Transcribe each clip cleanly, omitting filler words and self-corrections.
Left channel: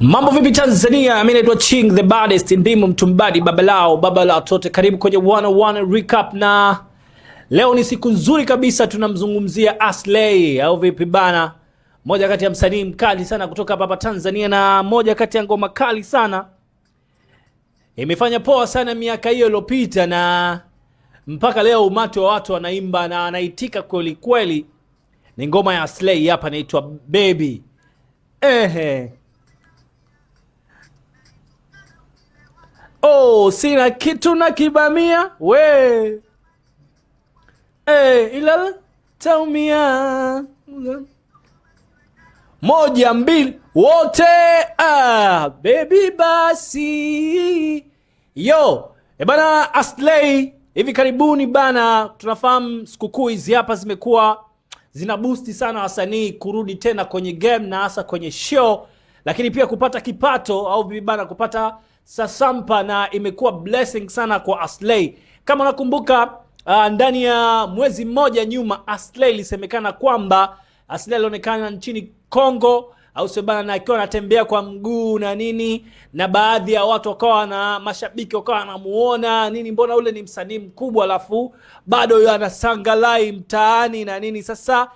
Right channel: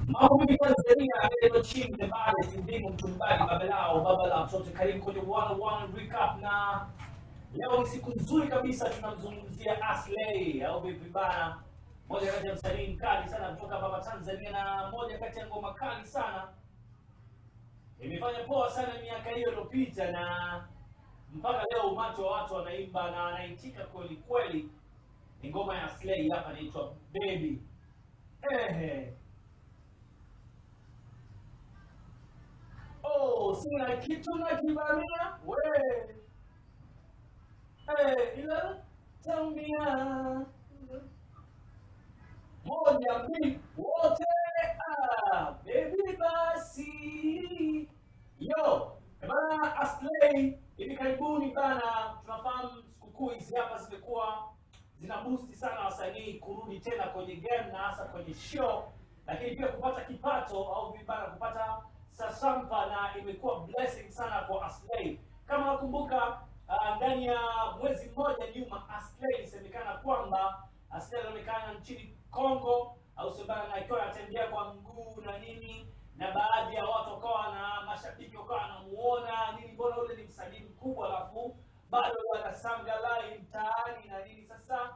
Mambo vipi Tanzania? Mimi naitwa Ching the baddest, ndimo mtumbadi baba lao tote. Karibu kwenye 101 recap, na leo ni siku nzuri kabisa, tunamzungumzia Aslay au vipi bana, moja kati ya msanii mkali sana kutoka hapa Tanzania, na moja kati ya ngoma kali sana imefanya poa sana miaka hiyo iliyopita, na mpaka leo umati wa watu wanaimba na anaitika kweli kweli. Ni ngoma ya Aslay hapa inaitwa Baby. Oh, sina kitu na kibamia we ila taumia moja mbili wote baby basi yo bana. Aslay hivi karibuni bana, tunafahamu sikukuu hizi hapa zimekuwa zina boost sana wasanii kurudi tena kwenye game na hasa kwenye show, lakini pia kupata kipato au bibi bana kupata sasampa, na imekuwa blessing sana kwa Aslay. Kama unakumbuka ndani ya mwezi mmoja nyuma Aslay ilisemekana kwamba Aslay alionekana nchini Kongo au sebana, na akiwa anatembea kwa mguu na nini, na baadhi ya watu wakawa na mashabiki wakawa wanamuona nini, mbona ule ni mkubwa alafu bado yeye anasangalai mtaani na nini. Sasa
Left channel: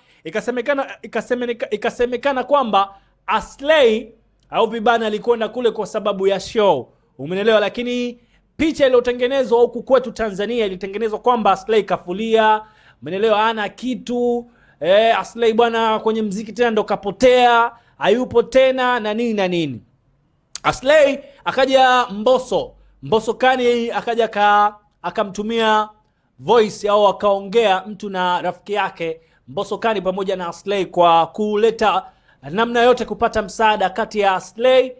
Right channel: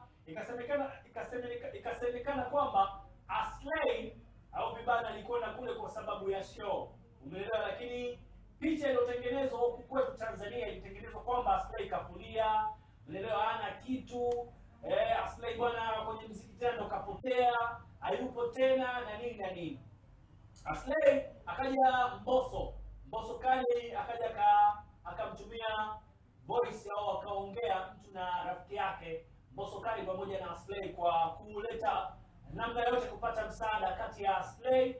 ikasemekana kwamba Aslay au bibana alikwenda kule kwa sababu ya show, umeelewa, lakini picha iliyotengenezwa huku kwetu Tanzania ilitengenezwa kwamba Aslay kafulia, umeelewa, ana kitu Aslay bwana kwenye mziki tena ndo kapotea, hayupo tena na nini na nini. Aslay akaja Mbosso Kani akaja akamtumia voice au akaongea mtu na rafiki yake Mbosso Kani pamoja na Aslay kwa kuleta namna yote kupata msaada kati ya Aslay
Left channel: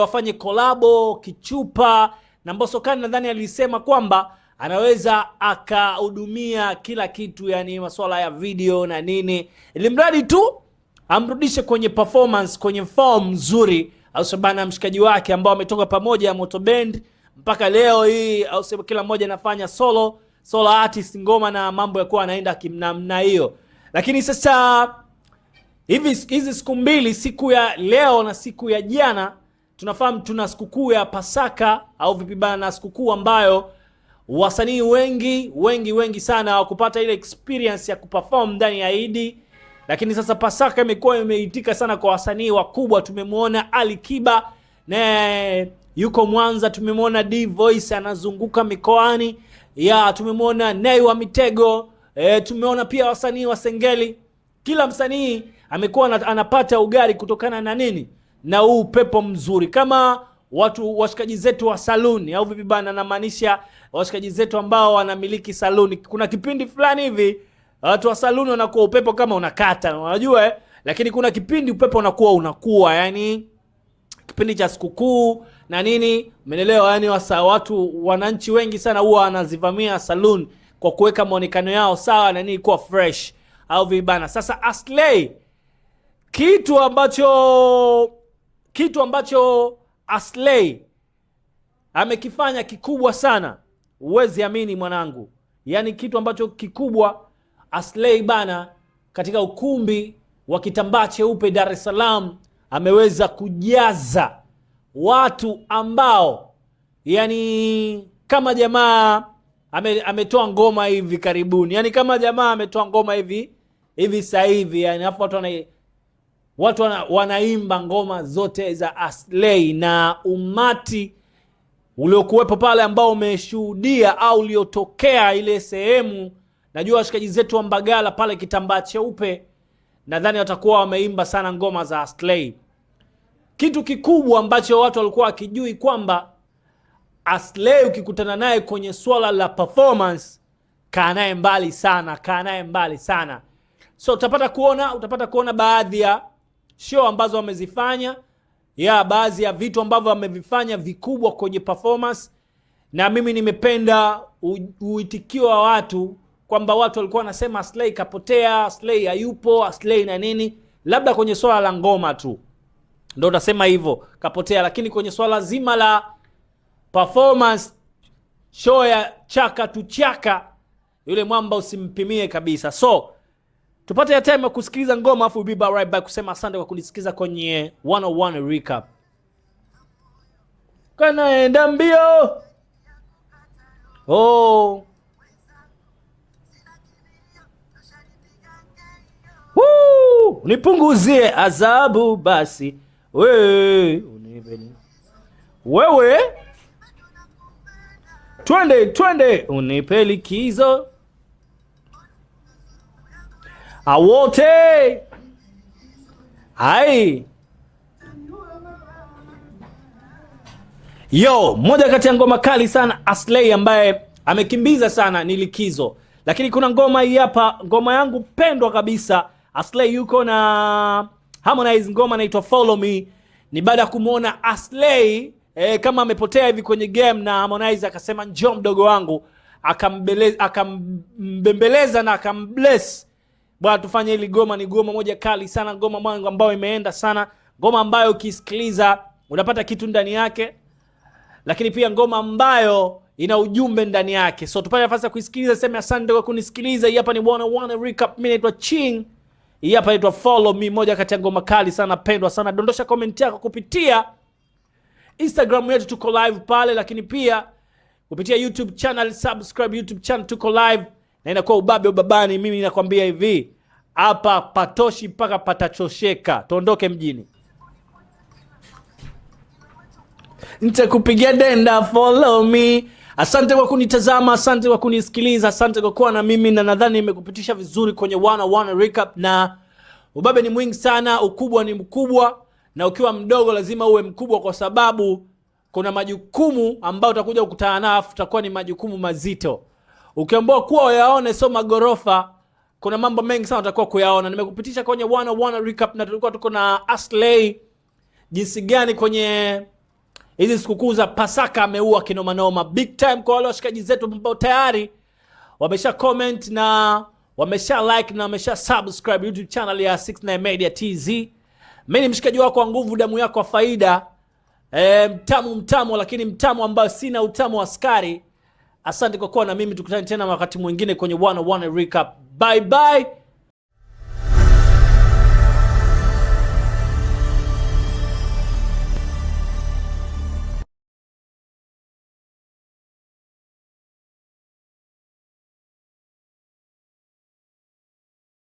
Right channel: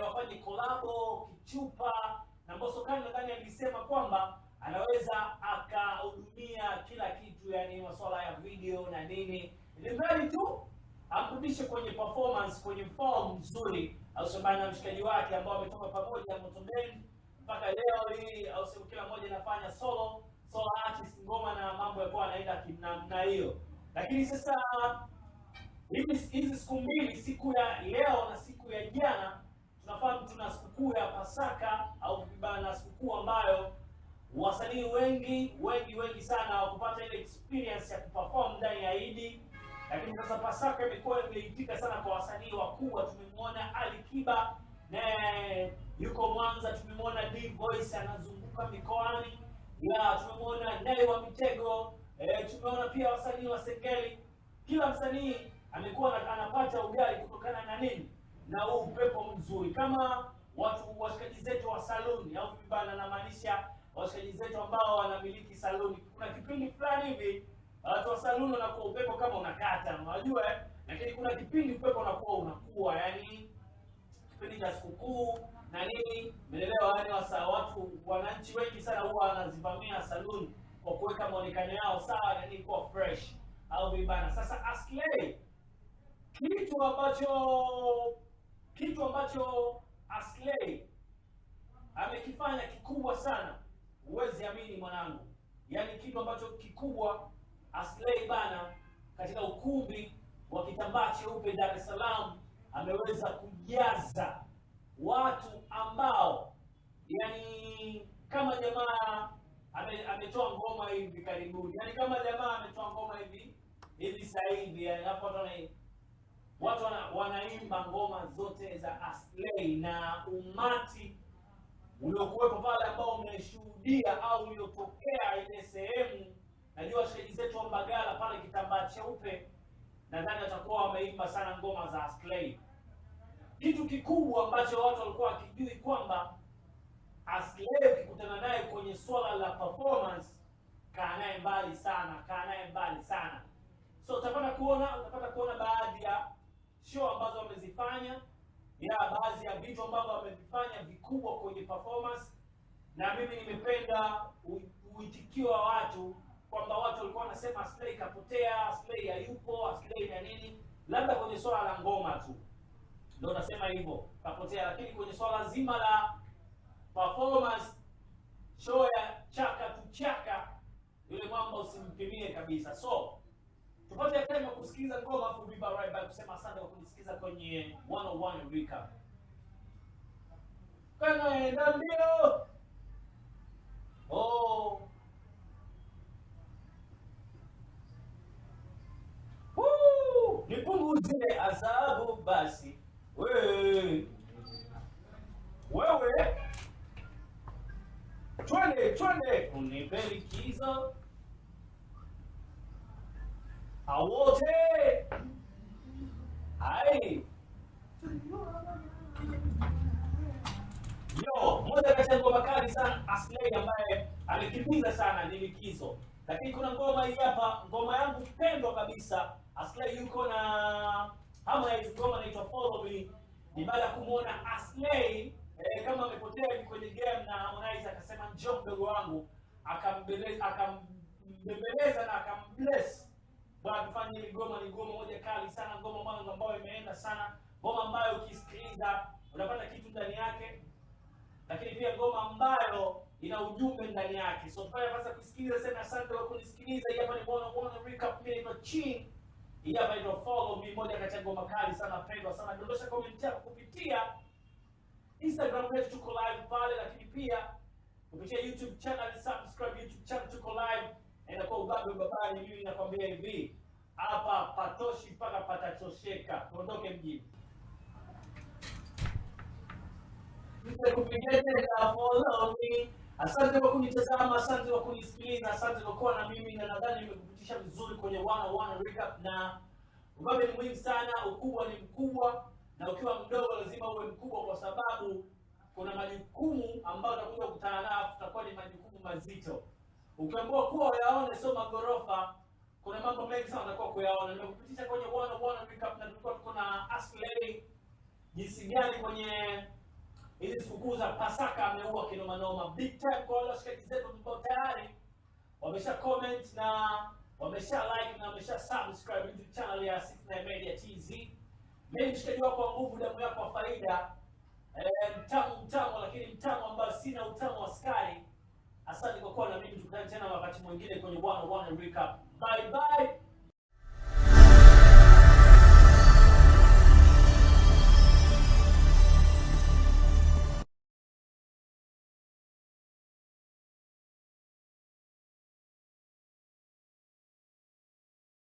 wafanye kolabo kichupa na Mbosso Kani. Nadhani alisema kwamba anaweza akahudumia kila kitu, yani masuala ya video na nini, ili mradi tu amrudishe kwenye performance, kwenye form nzuri, au sabana mshikaji wake ambao ametoka pamoja ya Moto Band mpaka leo hii, au sababu kila mmoja anafanya solo artist ngoma na mambo yakuwa anaenda kimnamna hiyo. Lakini sasa hizi siku mbili, siku ya leo na siku ya jana, tunafahamu tuna sikukuu ya Pasaka au vipi bana, na sikukuu ambayo wasanii wengi sana hawakupata ile experience ya kuperform ndani ya Idi. Lakini sasa Pasaka imekuwa imeitika sana kwa wasanii wakubwa. Tumemwona Ali Kiba na yuko Mwanza, tumemwona D Voice anazunguka mikoani ya, tumemwona Nay wa Mitego, tumeona pia wasanii wa Sengeli. Kila msanii amekuwa anapata ugari kutokana na nini, na huu pepo mzuri. Kama washikaji zetu wa saluni au vipi bana, namaanisha washikaji zetu ambao wanamiliki saluni. Kuna kipindi fulani hivi watu wa saluni wanakuwa upepo kama unakata, unajua lakini kuna kipindi upepo unakuwa yani kipindi cha sikukuu na nini, umeelewa, yani watu wananchi wengi sana huwa wanazivamia saluni kwa kuweka muonekano yao sawa na nini, kuwa fresh au vipi bana. Sasa Aslay kitu ambacho Aslay amekifanya kikubwa sana, uwezi amini mwanangu, yani kitu ambacho kikubwa Aslay bana, katika ukumbi wa Kitambaa Cheupe Dar es Salaam ameweza kujaza watu ambao yani kama jamaa ametoa ngoma hivi karibuni, yani kama jamaa ametoa ngoma hivi sasa hivi, yani hapo watu wanaimba ngoma zote za Aslay, na umati uliokuwepo pale ambao umeshuhudia au uliotokea ile sehemu, najua washikaji zetu wa Mbagala pale Kitambaa Cheupe, nadhani watakuwa wameimba sana ngoma za Aslay. Kitu kikubwa ambacho watu walikuwa wakijui kwamba Aslay ukikutana naye kwenye swala la performance, kaa naye mbali sana. So utapata kuona baadhi ya show ambazo wamezifanya, baadhi ya vitu ambavyo wamevifanya vikubwa kwenye performance, na mimi nimependa uitikio wa watu kwamba watu walikuwa wanasema Aslay kapotea, Aslay hayupo, Aslay na nini. Labda kwenye swala la ngoma tu ndio utasema hivyo kapotea, lakini kwenye swala zima la performance, show ya chaka tu chaka, yule mwamba usimpimie kabisa. So tupate ya time ya kusikiliza ngoma, afu we'll be right back kusema asante kwa kunisikiza kwenye 101 recap. kanaenda mbio. Oh. Woo! Nipunguzie adhabu basi. Wewe. Twende unipe likizo. Awote. Hai. Yo, moja kati ya ngoma kali sana Aslay ambaye amekimbiza sana ni Likizo. Lakini kuna ngoma hii hapa, ngoma yangu pendwa kabisa. Aslay yuko na Harmonize, ngoma inaitwa Follow Me. Ni baada ya kumuona Aslay kama amepotea hivi kwenye game, na Harmonize akasema njoo mdogo wangu, akambembeleza na akambless. Bwana tufanye hili goma. Ni goma moja kali sana, ngoma mwangu ambayo imeenda sana, ngoma ambayo ukisikiliza unapata kitu ndani yake, lakini pia ngoma ambayo ina ujumbe ndani yake. So tupate nafasi ya kuisikiliza. Sema asante kwa kunisikiliza. Hii hapa ni 101 Recap. Mimi naitwa Ching. Hii hapa inaitwa Follow Me, moja kati ya ngoma kali sana, pendwa sana. Dondosha comment yako kupitia Instagram yetu, tuko live pale, lakini pia kupitia YouTube channel. Subscribe YouTube channel, tuko live na inakuwa ubabe ubabani. Mimi nakwambia hivi, hapa patoshi mpaka patachosheka. Tuondoke mjini. Nitakupigia denda, follow me. Asante kwa kunitazama, asante kwa kunisikiliza, asante kwa kuwa na mimi, na nadhani nimekupitisha vizuri kwenye 101 Recap. Na ubabe ni mwingi sana, ukubwa ni mkubwa, na ukiwa mdogo lazima uwe mkubwa, kwa sababu kuna majukumu ambayo utakuja kukutana nayo, utakuwa ni majukumu mazito. Ukiambiwa kuwa uyaone soma gorofa, kuna mambo mengi sana utakuwa kuyaona. Nimekupitisha kwenye 101 Recap, na tulikuwa tuko na Aslay jinsi gani kwenye hizi sikukuu za Pasaka ameua kinoma noma. Big time kwa wale washikaji zetu ambao tayari wamesha comment na wamesha like na wamesha subscribe YouTube channel ya 69 Media TZ. Mimi ni mshikaji wako wa nguvu, damu yako wa faida. Mtamu lakini mtamu ambao sina utamu wa askari. Asante kwa kuwa na mimi, tukutane tena wakati mwingine kwenye 101 Recap. Bye bye.